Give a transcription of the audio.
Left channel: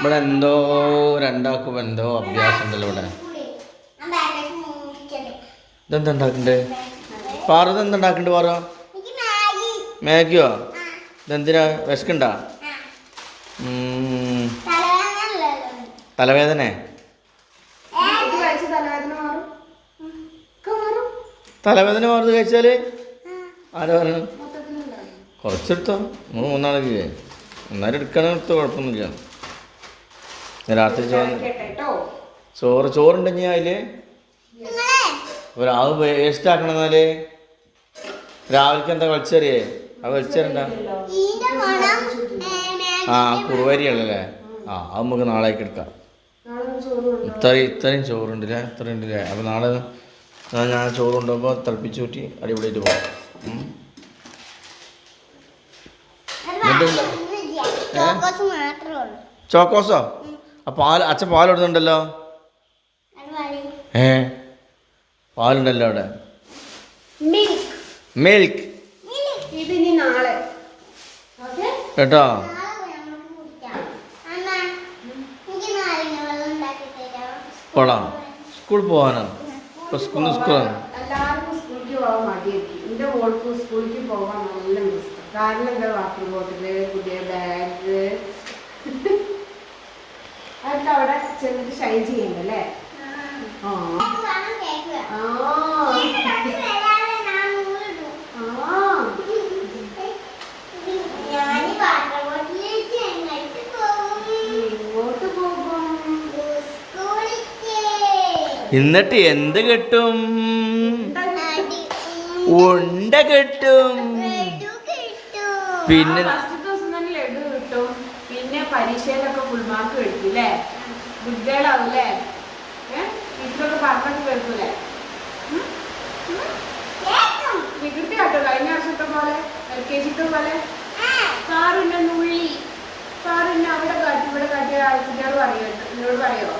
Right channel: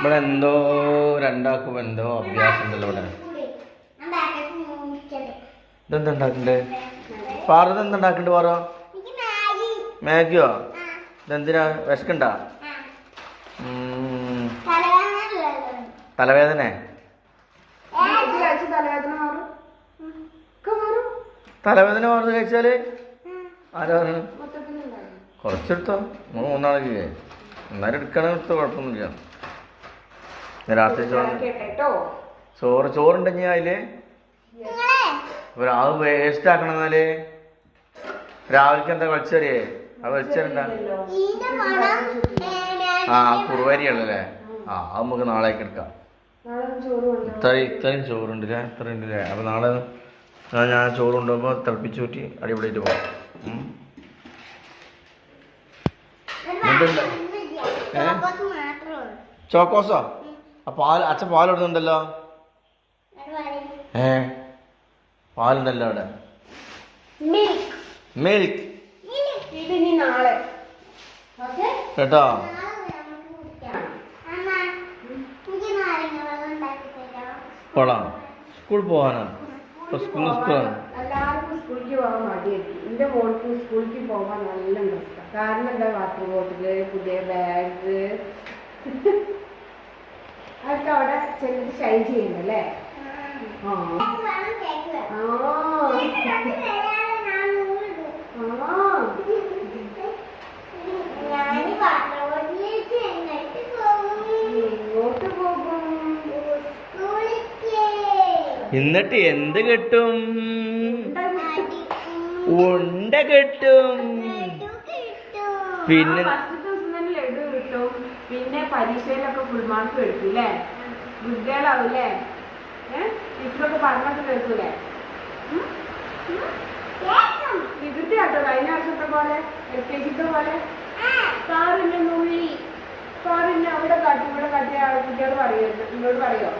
ഇവിടെ എന്തോ രണ്ടാക്കും എന്തോ അഭ്യാസം ഉണ്ടല്ലോ ഇവിടെ. ഇതെന്താ ഉണ്ടാക്കണ്ടേ? പാറ ഇതെന്താ ഉണ്ടാക്കണ്ടേ? പാറ മാഗിയോ? ഇതെന്തിനാ? വിശക്കണ്ടാ? തലവേദന തലവേദന മാറുന്നത് കഴിച്ചാല് ആരാ പറഞ്ഞു? കുറച്ചെടുത്തോ, മൂന്നാളൊക്കെ എന്നാലും എടുക്കണ എടുത്തോ, കുഴപ്പമൊന്നുമില്ല. രാത്രി ചോറുണ്ടെങ്കിൽ അതില് അത് വേസ്റ്റ് ആക്കണം. എന്നാല് രാവിലേക്ക് എന്താ വലിച്ചെറിയേ? അത് വലിച്ചെറിയണ്ട. ആ കുറുവരിയല്ലേ? ആ അത് നമുക്ക് നാളേക്ക് എടുക്കാം. ഇത്രയും ചോറുണ്ടല്ലേ? ഇത്രയും ഉണ്ടല്ലേ? അപ്പം നാളെ ഞാൻ ചോറ് കൊണ്ടുപോകുമ്പോൾ തിളപ്പിച്ച് കൂട്ടി അടിപൊളിയായിട്ട് പോകാം. ചോക്കോസോ? അച്ഛൻ പാലിടുന്നുണ്ടല്ലോ. പാലുണ്ടല്ലോ അവിടെ. മിൽക്ക് കേട്ടോ. കൊള്ളാം. സ്കൂളിൽ പോകാനാ? സ്കൂളാണ്. എല്ലാവർക്കും സ്കൂളിലേക്ക് പോകാൻ മടിയാക്കി. എൻ്റെ മോൾക്ക് സ്കൂളിലേക്ക് പോകാൻ നല്ല ഇഷ്ടം. കാരണം എന്താ? വാട്ടർ ബോട്ടില്, പുതിയ ബാഗ്, അതൊക്കെ അവിടെ ചെറിയ ഷൈൻ ചെയ്യുന്നുണ്ടല്ലേ? എന്നിട്ട് എന്ത് കിട്ടും? ഉണ്ട കിട്ടും. പിന്നെ ഫസ്റ്റ് ദിവസം തന്നെ ലഡു കിട്ടും. പിന്നെ പരീക്ഷയിലൊക്കെ ഫുൾ മാർക്ക് എടുക്കും അല്ലേ? ഗുഡ്ഗേളാവൂല്ലേ? ടീച്ചറൊക്കെ പറഞ്ഞൊക്കെ കേൾക്കൂലേ? വികൃതി കാട്ടോ കഴിഞ്ഞ വർഷത്തെ പോലെ, LKG പോലെ. കാറിന്റെ നുള്ളി, കാറിന്റെ അവിടെ കാട്ടി ഇവിടെ കാട്ടിയ കുട്ടികൾ പറയോ? എന്നോട് പറയോ?